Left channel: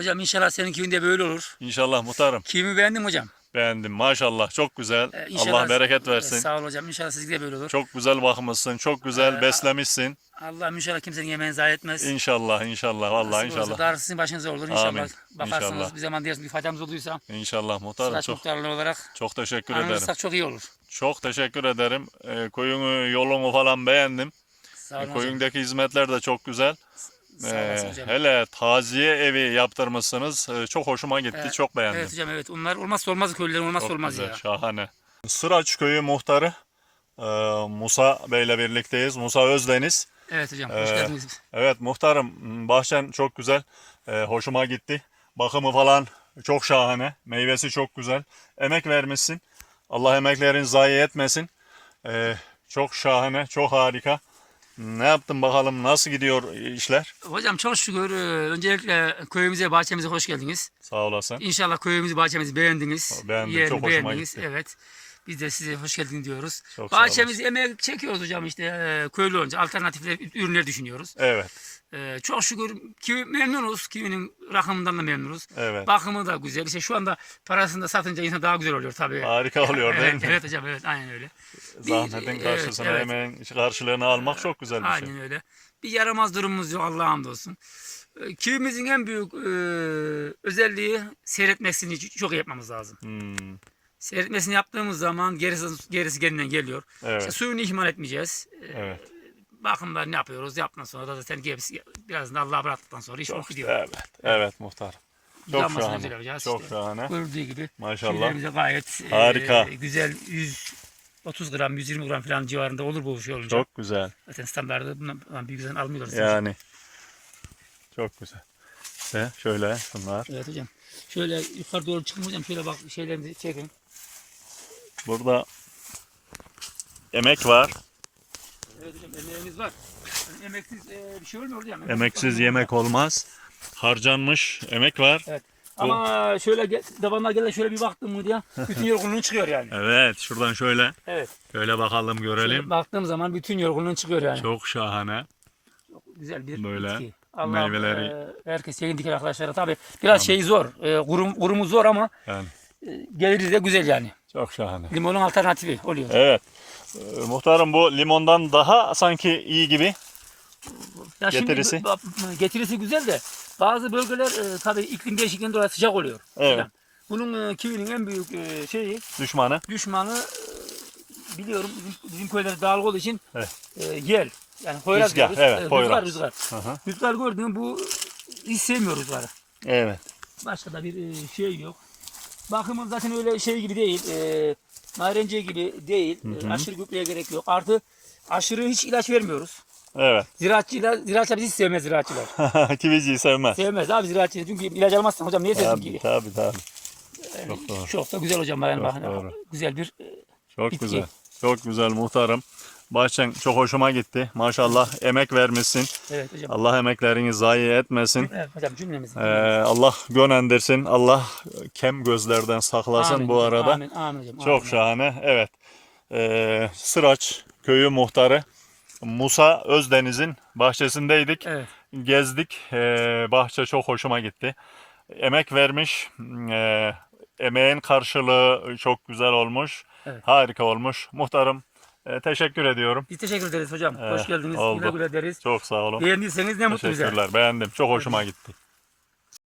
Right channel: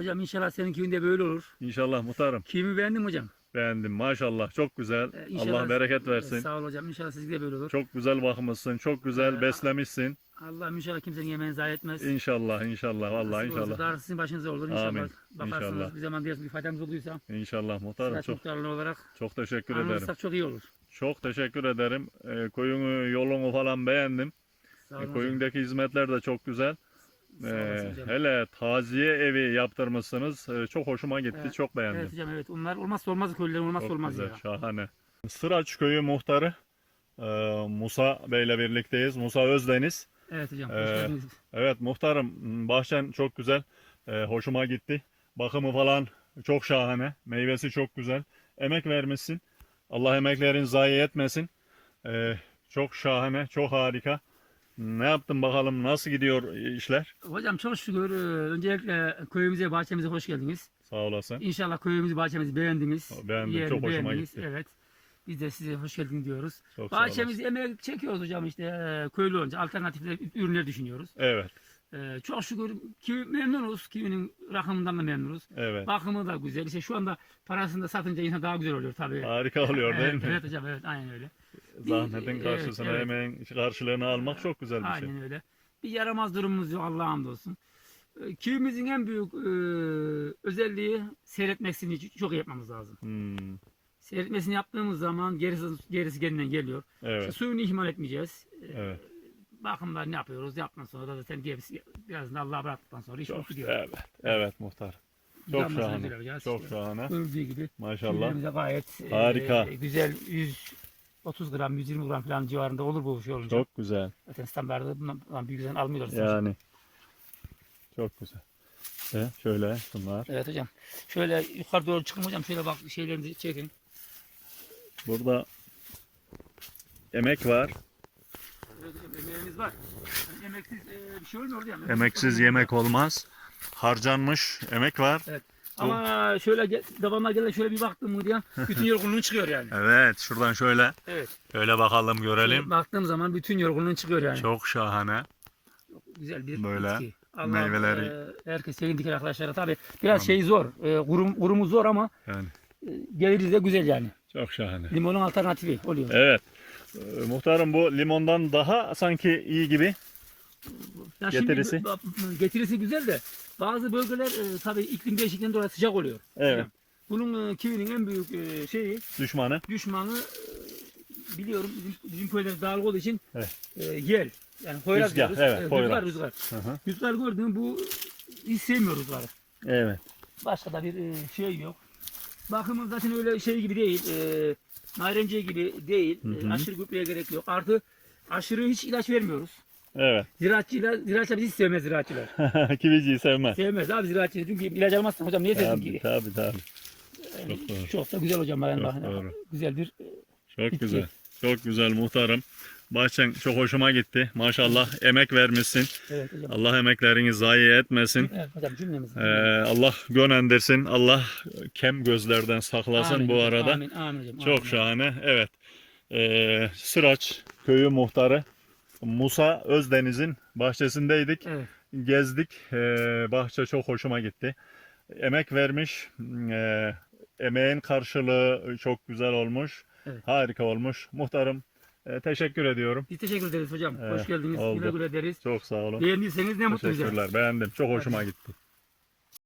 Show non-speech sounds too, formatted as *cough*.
Hocam inşallah senin köyün de böyle olur. İnşallah muhtarım. Kimi beğendim hocam. Beğendim. Maşallah. Çok güzel. Ee, inşallah- Allah bereket versin. Sağ ol hocam. İnşallah sizde de böyle olur. Çok güzel bakmışsın. Çok güzel Ee, beslemişsin. Allah inşallah kimsenin yemeğini zayi etmez. İnşallah, inşallah. Vallahi Nasip olursa inşallah. Sizin başınıza olur inşallah. Amin. Bakarsınız İnşallah. bir zaman diyorsun bir faydamız olduysa. İnşallah muhtarım. Sıraç Çok, muhtarlığı olarak çok teşekkür ederim. anılırsak çok iyi olur. Çok teşekkür ederim. Ee, koyunu, yolunu falan beğendim. Sağ olun hocam. Koyundaki hizmetler de çok güzel. Ee, hele taziye evi yaptırmışsınız. Ee, çok hoşuma gitti. Evet, çok beğendim. Evet hocam evet. Onlar olmazsa olmaz köylülerin olmazsa Çok olmaz güzel, ya. Şahane. Sıraç köyü muhtarı e, Musa Bey'le birlikteyiz. Musa Özdeniz. Evet hocam hoş Ee, geldiniz. Evet muhtarım bahçen çok güzel. E, hoşuma gitti. Bakımı falan çok şahane. Meyvesi çok güzel. Emek vermişsin. Allah emeklerin zayi etmesin. E, çok şahane, çok harika. Ne yaptın bakalım? Nasıl gidiyor işler? Hocam çok şükür e, öncelikle köyümüze bahçemize hoş geldiniz. Sağ olasın. İnşallah köyümüzü bahçemizi beğendiniz. Beğendim, Yerini çok hoşuma beğendiniz. gitti. Evet. Biz de size hoş geldin diyoruz. Çok Bahçemizi emek çekiyoruz hocam işte e, köylü olunca alternatifler ürünler düşünüyoruz. Evet, E, çok şükür kivi memnunuz. Kivinin rakımından da memnunuz. evet. Bakımı da güzel. İşte şu anda parasını da satınca insan daha güzel oluyor tabii. Harika oluyor değil evet, mi? evet hocam evet aynen öyle. Zahmetin evet, karşısına evet. emeğin karşılığını almak çok güzel bir şey. Aynen öyle. Bir yaramaz durumumuz yok Allah'a hamdolsun. E, Kivimizin en büyük e, özelliği seyretmesini çok yapmamız lazım. Hmm, Seyretmesini yaptığımız zaman gerisi, gerisi kendinden geliyor. İşte evet, suyunu ihmal etmeyeceğiz. E, evet. Bakımlar ne yapıyoruz? Yaptıktan sonra da zaten gerisi biraz da Allah'a bıraktıktan sonra iş olup gidiyor. Evet, evet muhtar. Çok şahane. Çok işte. şahane. Gördüğü gibi. Maşallah. Gayet e, Harika. güzel 130 gram 120 gram falan civarında olur bu şey olunca. Çok güzel. Zaten standartı bundan bir güzel almıyoruz. Yani. Çok güzel. Ve şöyle bunlar. Evet hocam. Şöyle yukarı doğru çıkın hocam. Şöyle bak şeylerinizi çekin. Burada emek var. Evet hocam emeğimiz var. Yani emeksiz e, bir şey olmuyor hocam. Emeksiz yemek olmaz. Harcanmış emek var. Ama şöyle ge- davanlar gelen şöyle bir baktım mı diye bütün yorgunluğun çıkıyor yani. *laughs* Evet, şuradan şöyle Evet. şöyle bakalım görelim. Baktığım zaman bütün yorgunluğun çıkıyor yani. Çok şahane. güzel bir Böyle bitki. Allah, meyveleri- e, herkes yayın diken arkadaşlara tabii biraz şey zor. E, kurum, kurumu zor ama Yani e, geliri de güzel yani. Çok şahane. Limonun alternatifi oluyor. Evet. Ee, muhtarım bu limondan daha sanki iyi gibi. Ya Getirisi? Şimdi, bu- getirisi güzel de bazı bölgeler e, tabii iklim değişikliğinden dolayı sıcak oluyor. Evet. Hocam, Bunun e, kivinin en büyük e, şeyi Düşmanı. düşmanı e, biliyorum bizim, bizim köyler dağlık olduğu için Evet. e, yel. Yani Rüzgar, diyoruz. evet, E, rüzgar rüzgar. Hı hı. Rüzgar gördüğün bu hiç sevmiyor rüzgarı. Evet. Başka da bir e, şey yok. Bakımı zaten öyle şey gibi değil. E, narenciye gibi değil. E, aşırı gübreye gerek yok. Artı aşırı hiç ilaç vermiyoruz. Evet. Ziraatçılar, ziraatçılar bizi sevmez ziraatçılar. *laughs* Kiviciyi sevmez. Sevmez abi ziraatçı. Çünkü ilaç almazsan hocam niye sevsin Tabii ki? tabii tabii. Çok doğru. Çok da güzel hocam. Yani Çok bakın, doğru. Güzel bir e, Çok Bitki. güzel. Çok güzel muhtarım. Bahçen çok hoşuma gitti. Maşallah emek vermişsin. evet hocam. Allah emeklerini zayi etmesin. Evet hocam cümlemiz. Ee, Allah gönendirsin. Allah kem gözlerden saklasın Amin bu arada. Amin, amin hocam. Çok amin. şahane. Evet. Ee, Sıraç köyü muhtarı Musa Özdeniz'in bahçesindeydik. Evet. Gezdik. Ee, bahçe çok hoşuma gitti. Emek vermiş. Ee, emeğin karşılığı çok güzel olmuş. Evet. Harika olmuş. Muhtarım e, teşekkür ediyorum. Biz teşekkür ederiz hocam. Ee, Hoş geldiniz. oldu. Güle güle deriz. Çok sağ olun. Beğendiyseniz ne mutlu bize. Teşekkürler. Beğendim. Çok hoşuma gitti.